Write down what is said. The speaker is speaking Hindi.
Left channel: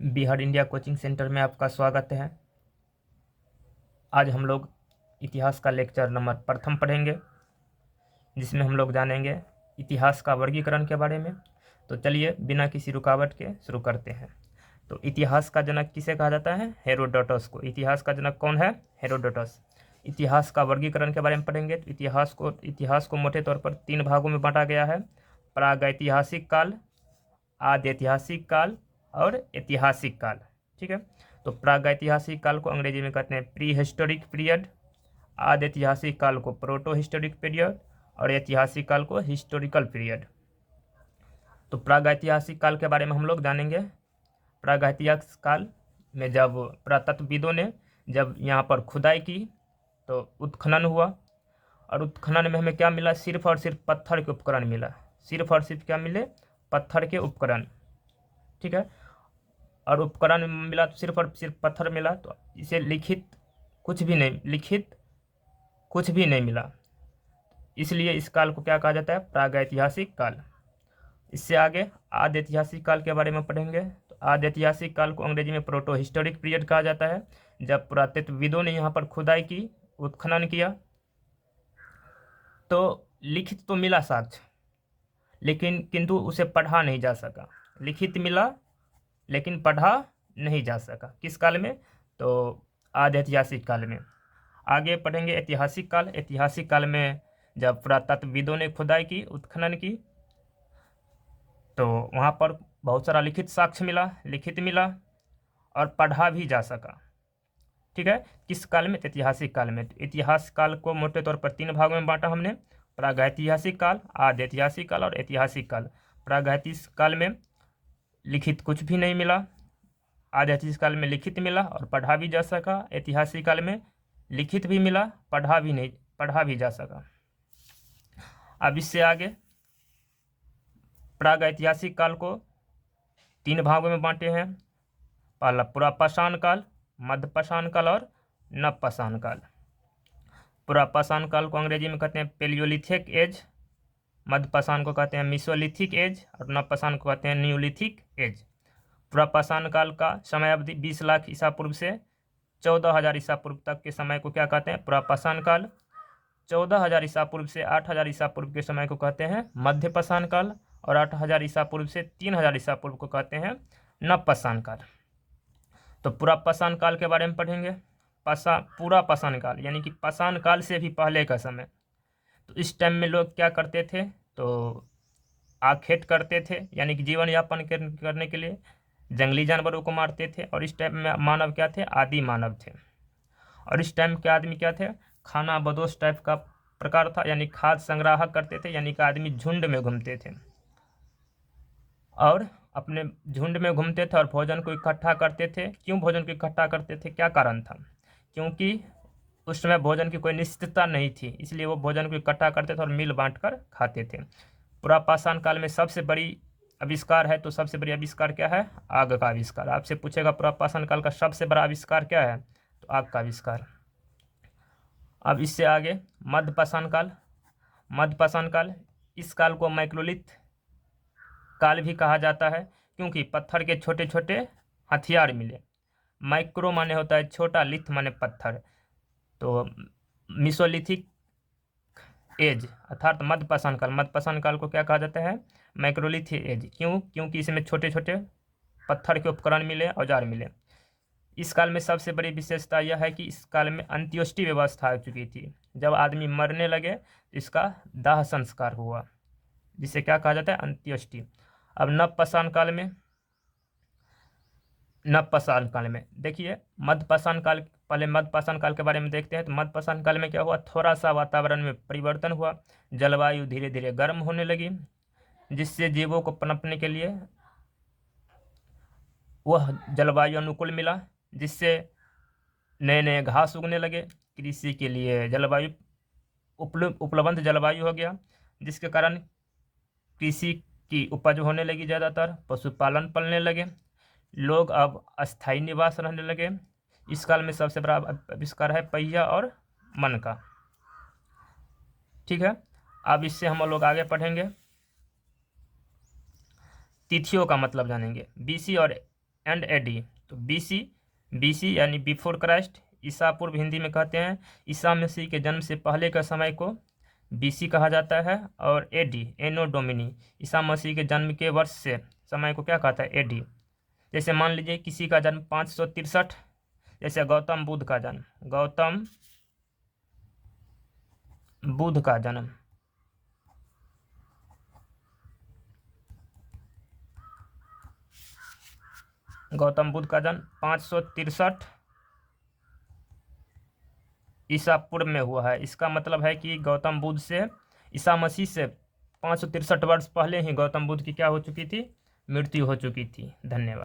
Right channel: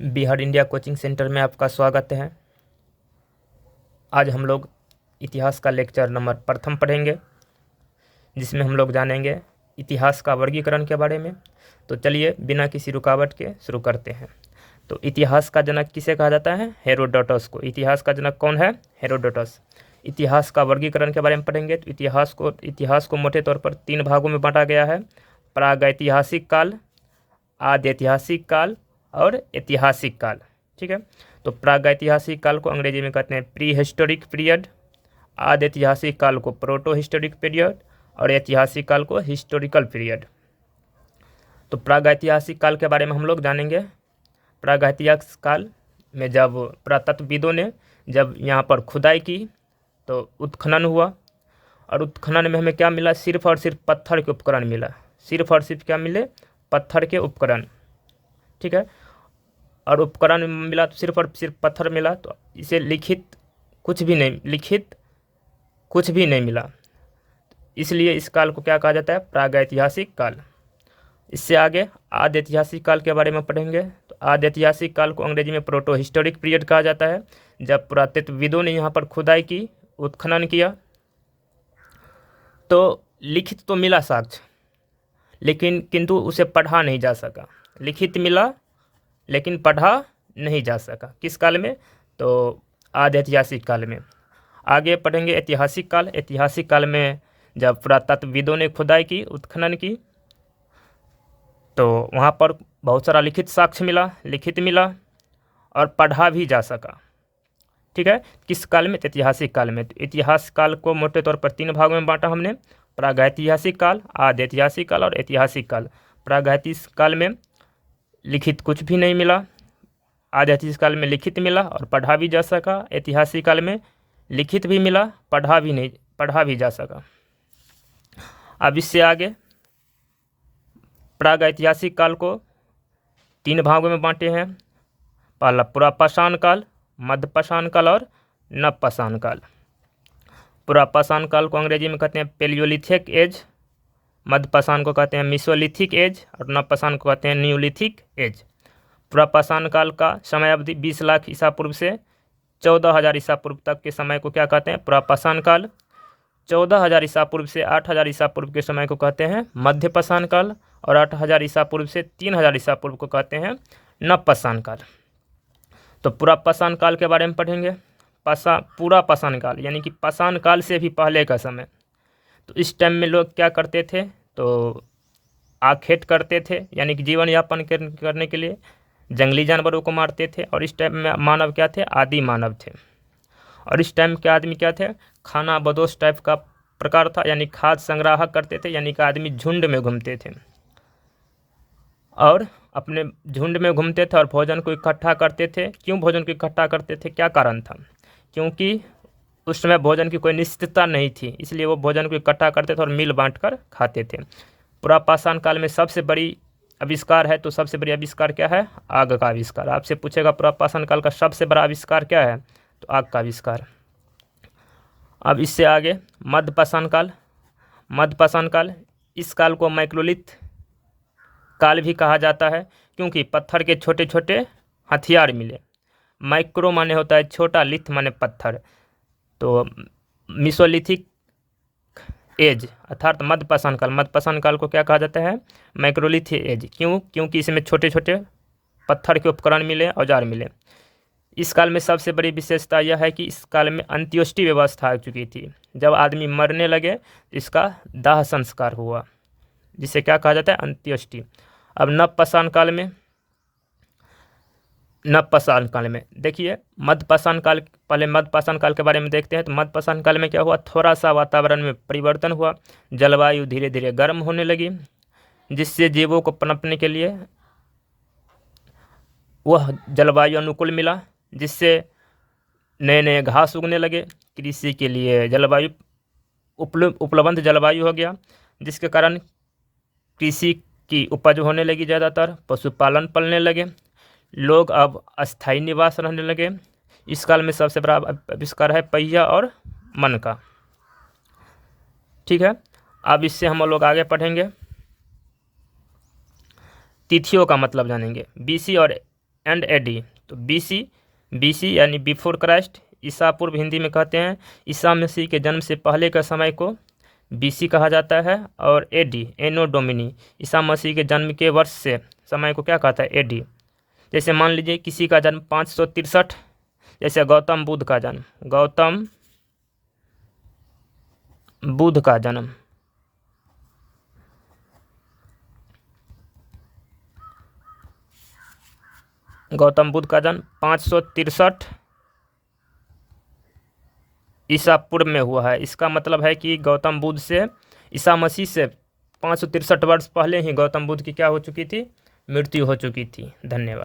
बिहार इंडिया कोचिंग सेंटर में आपका स्वागत है। आज हम लोग इतिहास का लेक्चर नंबर प्रथम पढ़ेंगे, जिसमें हम लोग जानेंगे इतिहास का वर्गीकरण के बारे में। तो चलिए बिना किसी रुकावट के शुरू करते हैं। तो इतिहास का जनक किसे कहा जाता है? हेरोडोटस को। इतिहास का जनक कौन है? हेरोडोटस। इतिहास का वर्गीकरण के बारे में पढ़ेंगे। तो इतिहास को मोटे तौर पर 3 भागों में बांटा गया है: प्रागैतिहासिक काल, आद्य ऐतिहासिक काल और ऐतिहासिक काल। ठीक है। तो प्रागैतिहासिक काल को अंग्रेजी में कहते हैं प्री हिस्टोरिक पीरियड, आद्य ऐतिहासिक काल को प्रोटो हिस्टोरिक पीरियड और ऐतिहासिक काल को हिस्टोरिकल पीरियड। तो प्रागैतिहासिक काल के बारे में हम लोग जानेंगे। प्रागैतिहासिक काल में जब पुरातत्वविदों ने जब यहाँ पर खुदाई की तो उत्खनन हुआ, और उत्खनन में हमें क्या मिला? सिर्फ और सिर्फ पत्थर के उपकरण मिला। सिर्फ और सिर्फ क्या मिले? पत्थर के उपकरण। ठीक है। और उपकरण मिला तो सिर्फ और सिर्फ पत्थर मिला, तो इसे लिखित कुछ भी नहीं मिला। इसलिए इस काल को क्या कहा जाता है? प्रागैतिहासिक काल। इससे आगे आद्य ऐतिहासिक काल के बारे में पढ़ेंगे। तो आद्य ऐतिहासिक काल को अंग्रेजी में प्रोटो हिस्टोरिक पीरियड कहा जाता है। जब पुरातत्वविदों ने यहाँ पर खुदाई की, उत्खनन किया, तो लिखित तो मिला साक्ष्य, लेकिन किंतु उसे पढ़ा नहीं जा सका। लिखित मिला लेकिन पढ़ा नहीं जा सका। किस काल में? तो आद्य ऐतिहासिक काल में। आगे पढ़ेंगे ऐतिहासिक काल। ऐतिहासिक काल में जब पुरातत्वविदों ने खुदाई की, उत्खनन की, तो वहाँ पर बहुत सारा लिखित साक्ष्य मिला, लिखित मिला और पढ़ा भी जा सका। ठीक है। किस काल में? ऐतिहासिक काल में। तो इतिहास काल को मोटे तौर पर 3 भागों में बांटा हमने: प्रागैतिहासिक काल, आद्य ऐतिहासिक काल और ऐतिहासिक काल। प्रागैतिहासिक काल में लिखित कुछ भी नहीं मिला, आद्य ऐतिहासिक काल में लिखित मिला और पढ़ा भी जा सका, ऐतिहासिक काल में लिखित भी मिला, पढ़ा भी जा सका। अब इससे आगे प्रागैतिहासिक काल को 3 भागों में बांटे हैं: पहला पुरापाषाण काल, मध्यपाषाण काल और नवपाषाण काल। पुरापाषाण काल को अंग्रेजी में कहते हैं पेलियोलिथिक एज, मध्यपाषाण को कहते हैं मिसोलिथिक एज और नवपाषाण को कहते हैं न्यूलिथिक एज। पुरापाषाण काल का समय अवधि 20 लाख ईसा पूर्व से 14,000 ईसा पूर्व तक के समय को क्या कहते हैं? पुरापाषाण काल। 14,000 ईसा पूर्व से 8,000 ईसा पूर्व के समय को कहते हैं मध्यपाषाण काल, और 8,000 ईसा पूर्व से 3,000 ईसा पूर्व को कहते हैं नवपाषाण काल। तो पुरापाषाण काल के बारे में पढ़ेंगे। पूरा पाषाण काल यानी कि पाषाण काल से भी पहले का समय। तो इस टाइम में लोग क्या करते थे? तो आखेट करते थे, यानी कि जीवन यापन करने के लिए जंगली जानवरों को मारते थे। और इस टाइम में मानव क्या थे? आदि मानव थे। और इस टाइम के आदमी क्या थे? खाना बदोश टाइप का प्रकार था, यानी खाद्य संग्राह करते थे, यानी कि आदमी झुंड में घूमते थे और अपने झुंड में घूमते थे और भोजन को इकट्ठा करते थे। क्यों भोजन को इकट्ठा करते थे? क्या कारण था? क्योंकि उस समय भोजन की कोई निश्चितता नहीं थी, इसलिए वो भोजन को इकट्ठा करते थे और मिल बांट कर खाते थे। पुरापाषाण काल में सबसे बड़ी आविष्कार है, तो सबसे बड़ी आविष्कार क्या है? आग का आविष्कार। आपसे पूछेगा पुरापाषाण काल का सबसे बड़ा आविष्कार क्या है? तो आग का आविष्कार। अब इससे आगे मध्यपाषाण काल। मध्यपाषाण काल, इस काल को मैक्रोलिथ काल भी कहा जाता है, क्योंकि पत्थर के छोटे छोटे हथियार मिले। माइक्रो माने होता है छोटा, लिथ माने पत्थर। तो मिसोलिथिक एज अर्थात मध्यपाषाण काल को क्या कहा जाता है? मैक्रोलिथ एज। क्यों? क्योंकि इसमें छोटे छोटे पत्थर के उपकरण मिले, औजार मिले। इस काल में सबसे बड़ी विशेषता यह है कि इस काल में अंत्योष्टि व्यवस्था आ चुकी थी। जब आदमी मरने लगे तो इसका दाह संस्कार हुआ, जिसे क्या कहा जाता है? अंत्योष्टि। अब नवपाषाण काल में देखिए, मध्यपाषाण काल, पहले मध्यपाषाण काल के बारे में देखते हैं। तो मध्यपाषाण काल में क्या हुआ? थोड़ा सा वातावरण में परिवर्तन हुआ, जलवायु धीरे धीरे गर्म होने लगी, जिससे जीवों को पनपने के लिए वह जलवायु अनुकूल मिला, जिससे नए नए घास उगने लगे। कृषि के लिए जलवायु उपलब्ध जलवायु हो गया, जिसके कारण कृषि की उपज होने लगी ज़्यादातर, पशुपालन पलने लगे, लोग अब अस्थायी निवास रहने लगे। इस काल में सबसे बड़ा आविष्कार है पहिया और मन का। ठीक है। अब इससे हम लोग आगे पढ़ेंगे, तिथियों का मतलब जानेंगे। बीसी और एंड एडी। तो बीसी यानी बिफोर क्राइस्ट, ईसा पूर्व हिंदी में कहते हैं। ईसा मसीह के जन्म से पहले का समय को बीसी कहा जाता है। और एडी एनो डोमिनी, ईसा मसीह के जन्म के वर्ष से समय को क्या कहता है, एडी। जैसे मान लीजिए किसी का जन्म 563, जैसे गौतम बुद्ध का जन्म, गौतम बुद्ध का जन्म गौतम बुद्ध का जन्म 563 ईसा पूर्व में हुआ है। इसका मतलब है कि गौतम बुद्ध से, ईसा मसीह से 563 वर्ष पहले ही गौतम बुद्ध की क्या हो चुकी थी, मृत्यु हो चुकी थी। धन्यवाद।